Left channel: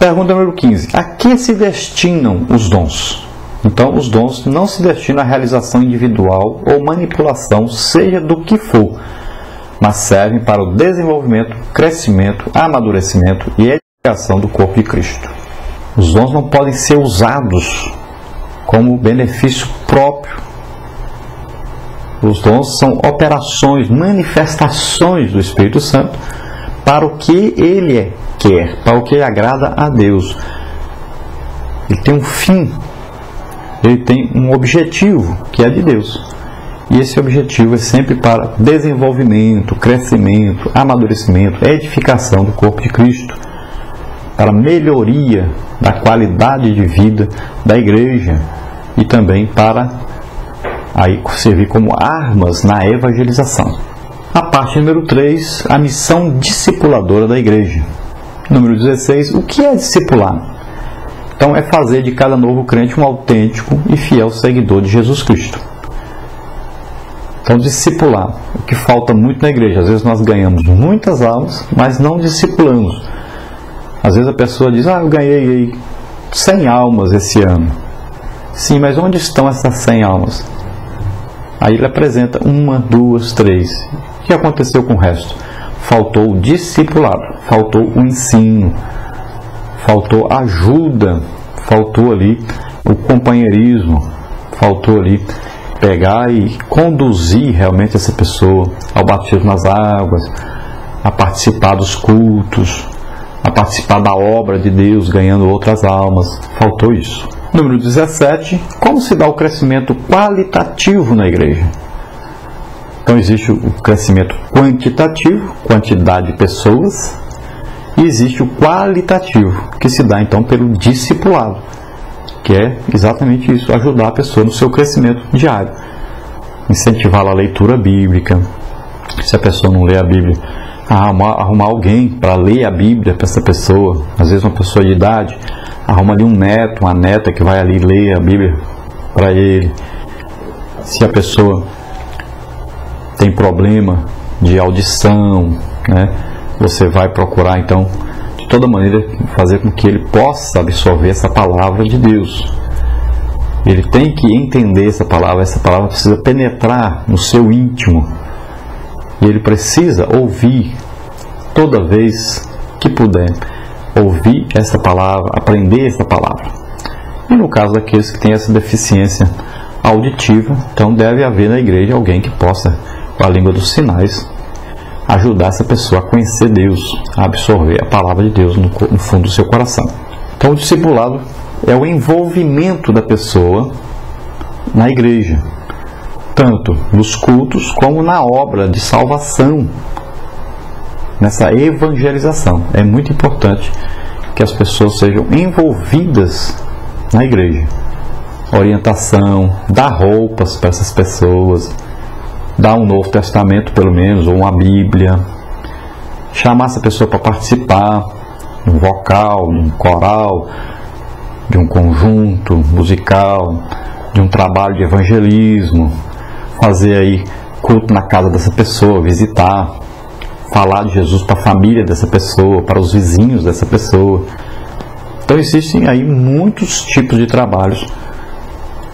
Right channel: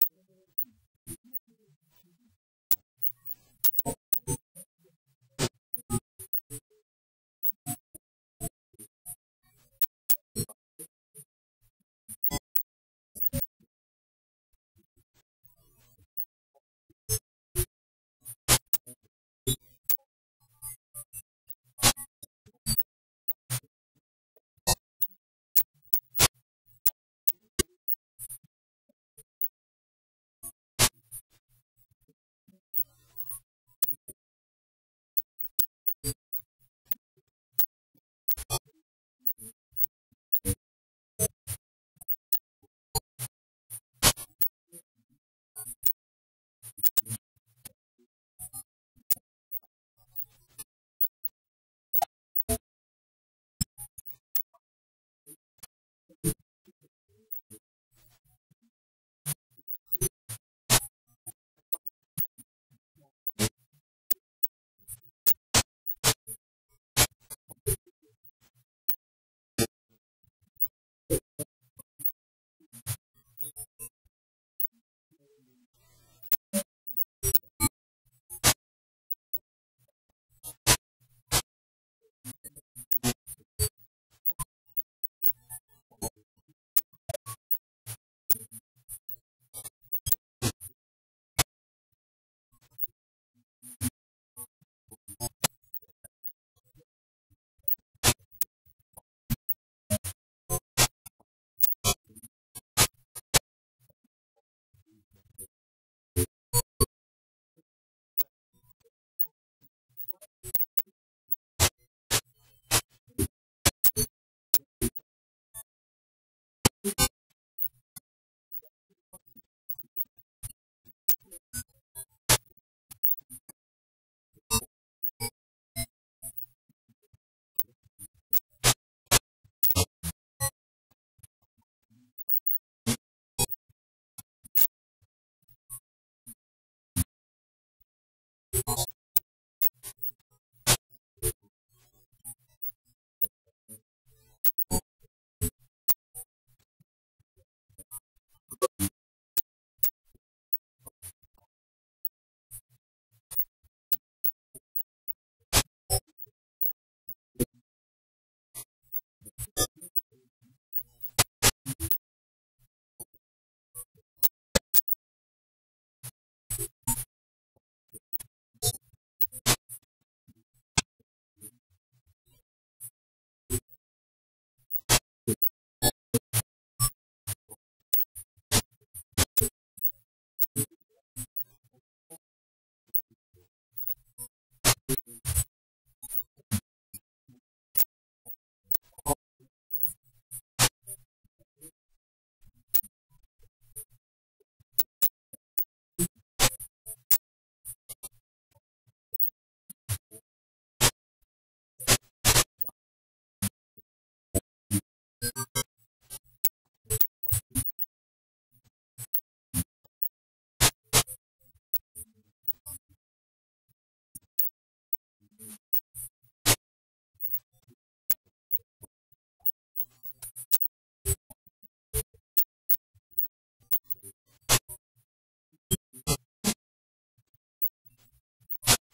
Pergunta número 15. A que se destinam os dons? Então, os dons não se destinam à realização individual ou manipulação, seja do que for, mas servem para o desenvolvimento, crescimento, amadurecimento e edificação do corpo de Cristo. Os dons não podem ser usados como benefício próprio. Os dons são operações, manifestações do Espírito Santo para o que Ele quer, para o que agrada a Deus. Ele tem um fim, ele tem um objetivo que é de Deus. E esse objetivo é sempre para desenvolvimento, crescimento, amadurecimento, edificação do corpo de Cristo, para melhoria da qualidade de vida da igreja e também para aí servir como armas na evangelização. A parte número 3, a missão discipuladora da igreja. Número 16, o que é discipular? Então é fazer de cada novo crente um autêntico e fiel seguidor de Jesus Cristo. Então discipular, o que falta muito na igreja. Às vezes nós ganhamos muitas almas, mas não discipulamos. Às vezes a pessoa diz, eu ganhei 100 almas esse ano. Sim, mas onde estão essas 100 almas? Aí ele apresenta 1, 2, 3. O que aconteceu com o resto? Faltou o discipulado, faltou o ensino, faltou ajuda, faltou ali o companheirismo, faltou ali pegar e conduzir realmente essa pessoa ao batismo nas águas, a participar dos cultos, a participar da obra de Deus, ganhando outras almas. Faltou isso. Número 17, como se dá o crescimento qualitativo na igreja? Então existe o crescimento quantitativo, quantidade de pessoas, e existe o qualitativo, que se dá então pelo discipulado, que é exatamente isso, ajudar a pessoa no seu crescimento diário, incentivar a leitura bíblica. Se a pessoa não lê a Bíblia, arrumar alguém para ler a Bíblia para essa pessoa. Às vezes uma pessoa de idade, arruma ali um neto, uma neta que vai ali ler a Bíblia para ele. Se a pessoa tem problema de audição, né, você vai procurar então de toda maneira fazer com que ele possa absorver essa palavra de Deus. Ele tem que entender essa palavra precisa penetrar no seu íntimo, e ele precisa ouvir toda vez que puder, ouvir essa palavra, aprender essa palavra. E no caso daqueles que têm essa deficiência auditiva, então deve haver na igreja alguém que possa, com a língua dos sinais, ajudar essa pessoa a conhecer Deus, a absorver a palavra de Deus no fundo do seu coração. Então o discipulado é o envolvimento da pessoa na igreja, tanto nos cultos como na obra de salvação, nessa evangelização. É muito importante que as pessoas sejam envolvidas na igreja. Orientação, dar roupas para essas pessoas, dar um Novo Testamento pelo menos, ou uma Bíblia, chamar essa pessoa para participar de um vocal, de um coral, de um conjunto musical, de um trabalho de evangelismo, fazer aí culto na casa dessa pessoa, visitar, falar de Jesus para a família dessa pessoa, para os vizinhos dessa pessoa. Então existem aí muitos tipos de trabalhos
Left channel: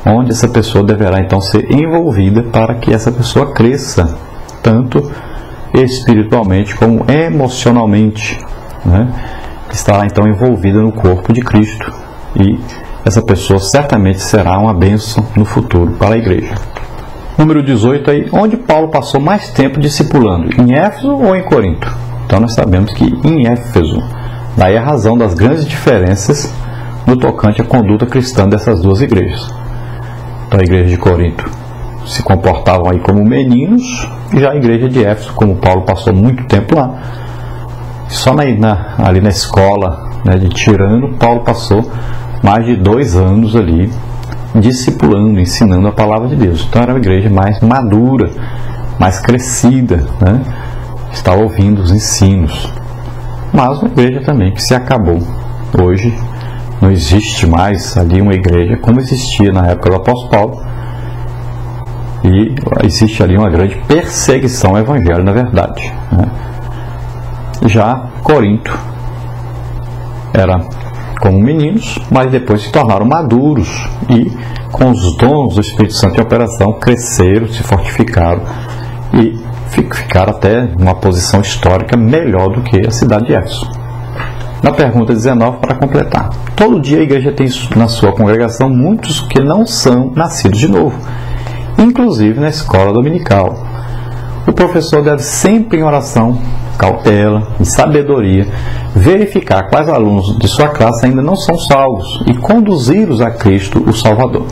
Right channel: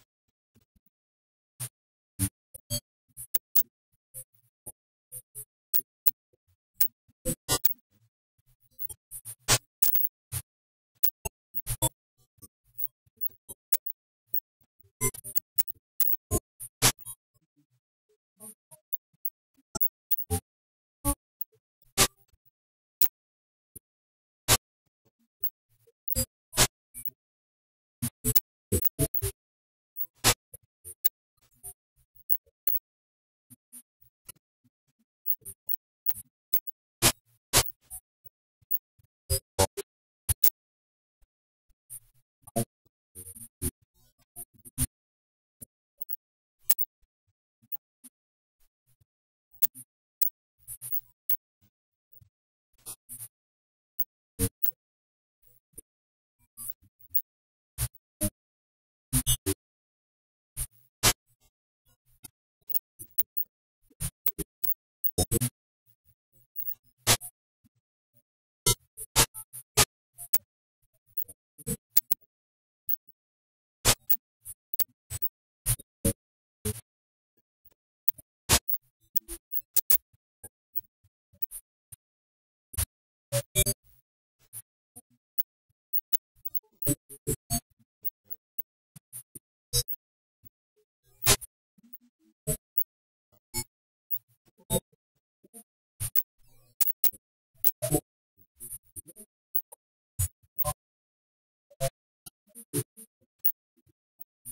onde essa pessoa deverá então ser envolvida para que essa pessoa cresça, tanto espiritualmente como emocionalmente, né? Estará então envolvida no corpo de Cristo, e essa pessoa certamente será uma bênção no futuro para a igreja. Número 18 aí, onde Paulo passou mais tempo discipulando, em Éfeso ou em Corinto? Então nós sabemos que em Éfeso, daí a razão das grandes diferenças no tocante à conduta cristã dessas duas igrejas. Então a igreja de Corinto se comportavam aí como meninos, e já a igreja de Éfeso, como Paulo passou muito tempo lá, só ali na escola, né, de Tirano, Paulo passou mais de 2 anos ali discipulando, ensinando a palavra de Deus. Então era uma igreja mais madura, mais crescida, né? Estava ouvindo os ensinos. Mas uma igreja também que se acabou. Hoje não existe mais ali uma igreja como existia na época do apóstolo Paulo, e existe ali uma grande perseguição ao evangelho, na verdade, né? Já Corinto era como meninos, mas depois se tornaram maduros e, com os dons do Espírito Santo em operação, cresceram, se fortificaram e ficaram até numa posição histórica melhor do que a cidade de Éfeso. Na pergunta 19, para completar: todo dia a igreja tem na sua congregação muitos que não são nascidos de novo, inclusive na escola dominical. O professor deve sempre, em oração, cautela e sabedoria, verificar quais alunos de sua classe ainda não são salvos e conduzi-los a Cristo, o Salvador.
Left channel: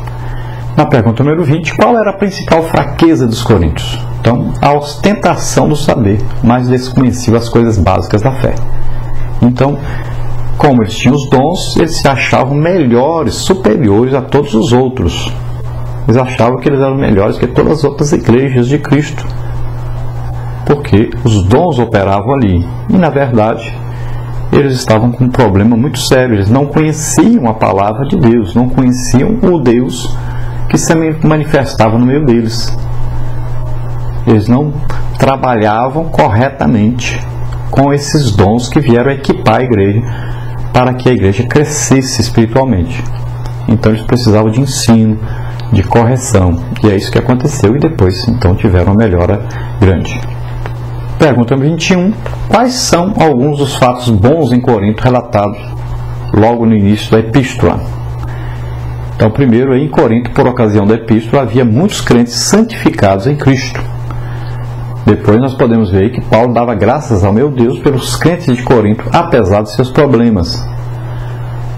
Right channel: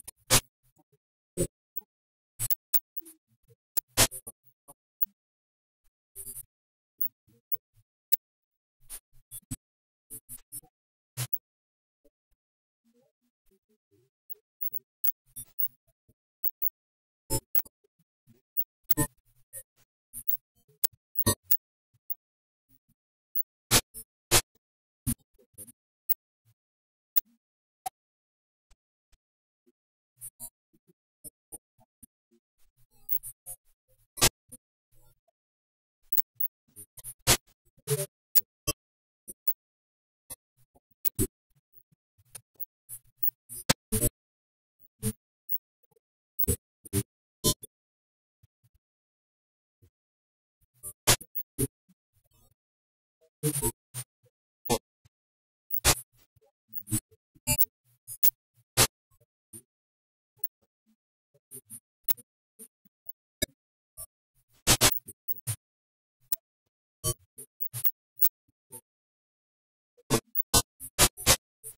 Na pergunta número 20, qual era a principal fraqueza dos coríntios? Então, a ostentação do saber, mas desconheciam as coisas básicas da fé. Então, como eles tinham os dons, eles se achavam melhores, superiores a todos os outros. Eles achavam que eles eram melhores que todas as outras igrejas de Cristo, porque os dons operavam ali. E, na verdade, eles estavam com um problema muito sério. Eles não conheciam a palavra de Deus, não conheciam o Deus que se manifestava no meio deles. Eles não trabalhavam corretamente com esses dons que vieram equipar a igreja para que a igreja crescesse espiritualmente. Então eles precisavam de ensino, de correção, e é isso que aconteceu, e depois então tiveram uma melhora grande. Pergunta 21. Quais são alguns dos fatos bons em Corinto relatados logo no início da epístola? Então, primeiro, em Corinto, por ocasião da epístola, havia muitos crentes santificados em Cristo. Depois nós podemos ver que Paulo dava graças ao meu Deus pelos crentes de Corinto, apesar de seus problemas.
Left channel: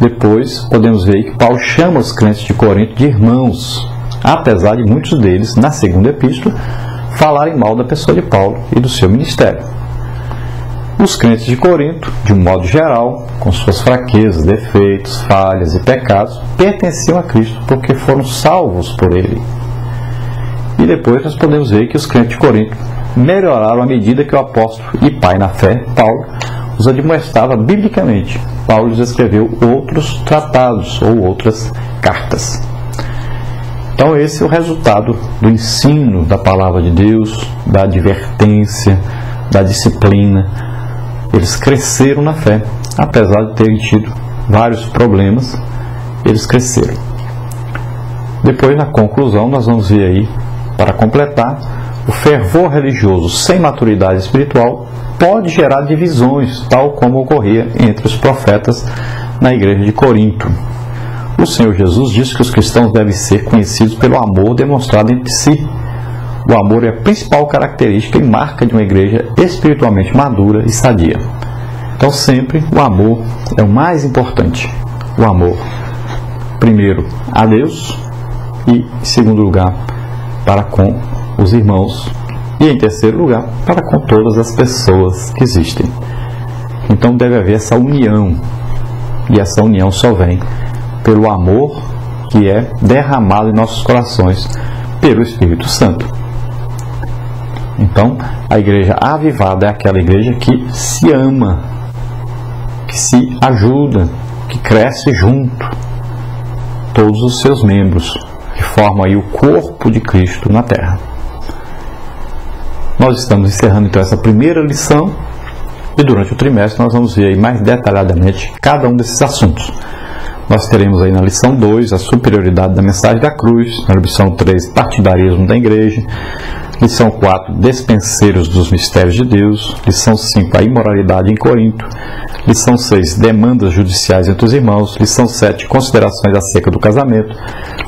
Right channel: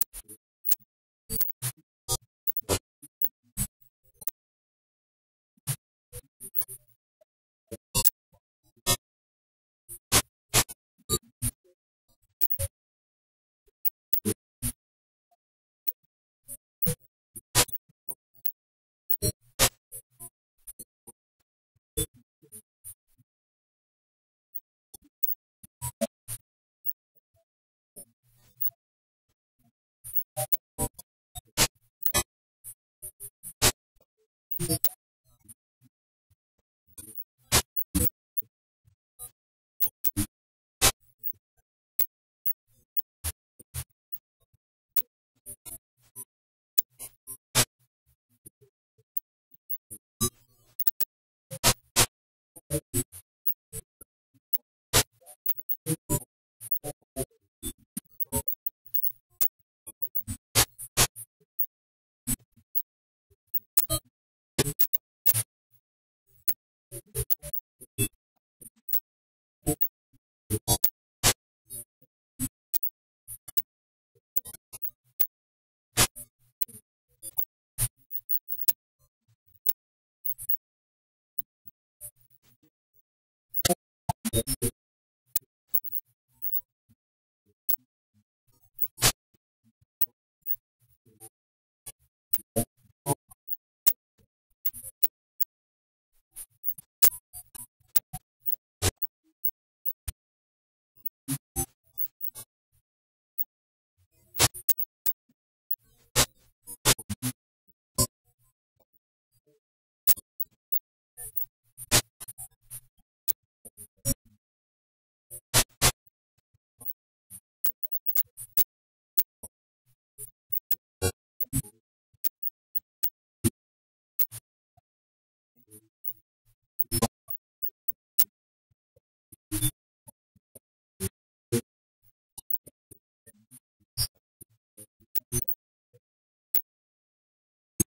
Depois podemos ver que Paulo chama os crentes de Corinto de irmãos, apesar de muitos deles, na segunda epístola, falarem mal da pessoa de Paulo e do seu ministério. Os crentes de Corinto, de um modo geral, com suas fraquezas, defeitos, falhas e pecados, pertenciam a Cristo porque foram salvos por Ele. E depois nós podemos ver que os crentes de Corinto melhoraram à medida que o apóstolo e pai na fé, Paulo, os admoestava biblicamente. Paulo lhes escreveu outros tratados ou outras cartas. Então esse é o resultado do ensino da palavra de Deus, da advertência, da disciplina. Eles cresceram na fé, apesar de terem tido vários problemas, eles cresceram. Depois, na conclusão, nós vamos ver aí, para completar, o fervor religioso sem maturidade espiritual pode gerar divisões, tal como ocorria entre os profetas na igreja de Corinto. O Senhor Jesus disse que os cristãos devem ser conhecidos pelo amor demonstrado entre si. O amor é a principal característica e marca de uma igreja espiritualmente madura e sadia. Então sempre o amor é o mais importante. O amor, primeiro, a Deus e, em segundo lugar, para com os irmãos e, em terceiro lugar, para com todas as pessoas que existem. Então deve haver essa união, e essa união só vem pelo amor que é derramado em nossos corações pelo Espírito Santo. Então, a igreja avivada é aquela igreja que se ama, que se ajuda, que cresce junto, todos os seus membros, que formam aí o corpo de Cristo na terra. Nós estamos encerrando então essa primeira lição, e durante o trimestre nós vamos ver aí mais detalhadamente cada um desses assuntos. Nós teremos aí na lição 2 a superioridade da mensagem da cruz, na lição 3 partidarismo da igreja, lição 4 despenseiros dos mistérios de Deus, lição 5 a imoralidade em Corinto, lição 6 demandas judiciais entre os irmãos, lição 7 considerações acerca do casamento,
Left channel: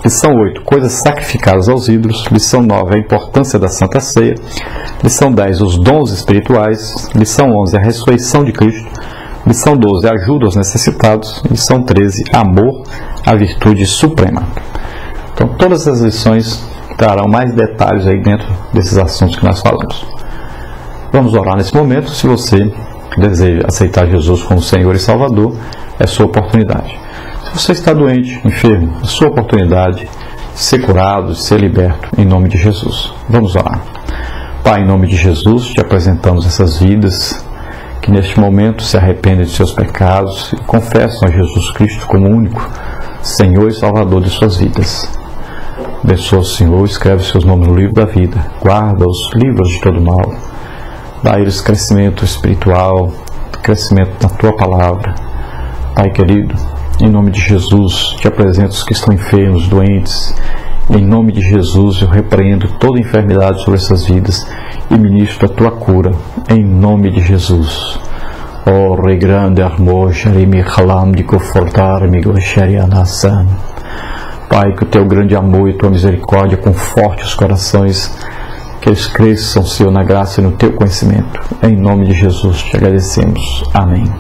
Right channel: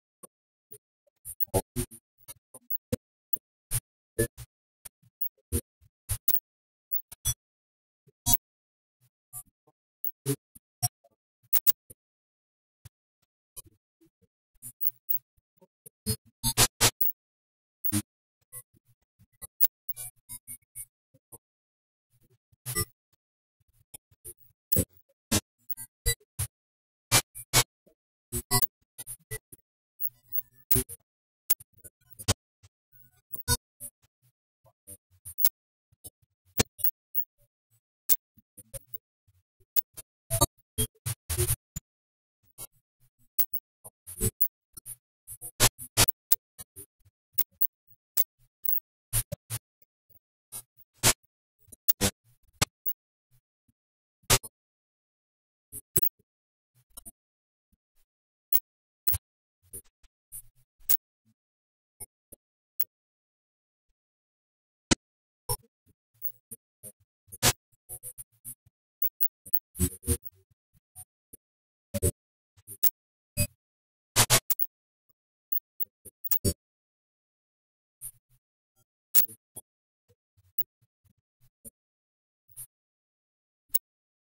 lição 8 coisas sacrificadas aos ídolos, lição 9 a importância da Santa Ceia, lição 10 os dons espirituais, lição 11 a ressurreição de Cristo, lição 12, ajuda aos necessitados. Lição 13, amor, a virtude suprema. Então, todas as lições trarão mais detalhes aí dentro desses assuntos que nós falamos. Vamos orar nesse momento. Se você deseja aceitar Jesus como Senhor e Salvador, é sua oportunidade. Se você está doente, enfermo, é sua oportunidade de ser curado, de ser liberto, em nome de Jesus. Vamos orar. Pai, em nome de Jesus, te apresentamos essas vidas que neste momento se arrependem de seus pecados e confessam a Jesus Cristo como único Senhor e Salvador de suas vidas. Abençoa o Senhor, escreve seus nomes no livro da vida, guarda os livros de todo mal, dá a eles crescimento espiritual, crescimento na Tua Palavra. Pai querido, Em nome de Jesus, te apresento os que estão enfermos, doentes. Em nome de Jesus, eu repreendo toda enfermidade sobre essas vidas e ministro a tua cura. Em nome de Jesus. Oh, Rei grande, amor, me halam de confortar-me, nação. Pai, que o teu grande amor e tua misericórdia conforte os corações, que eles cresçam, Senhor, na graça e no teu conhecimento. Em nome de Jesus te agradecemos. Amém.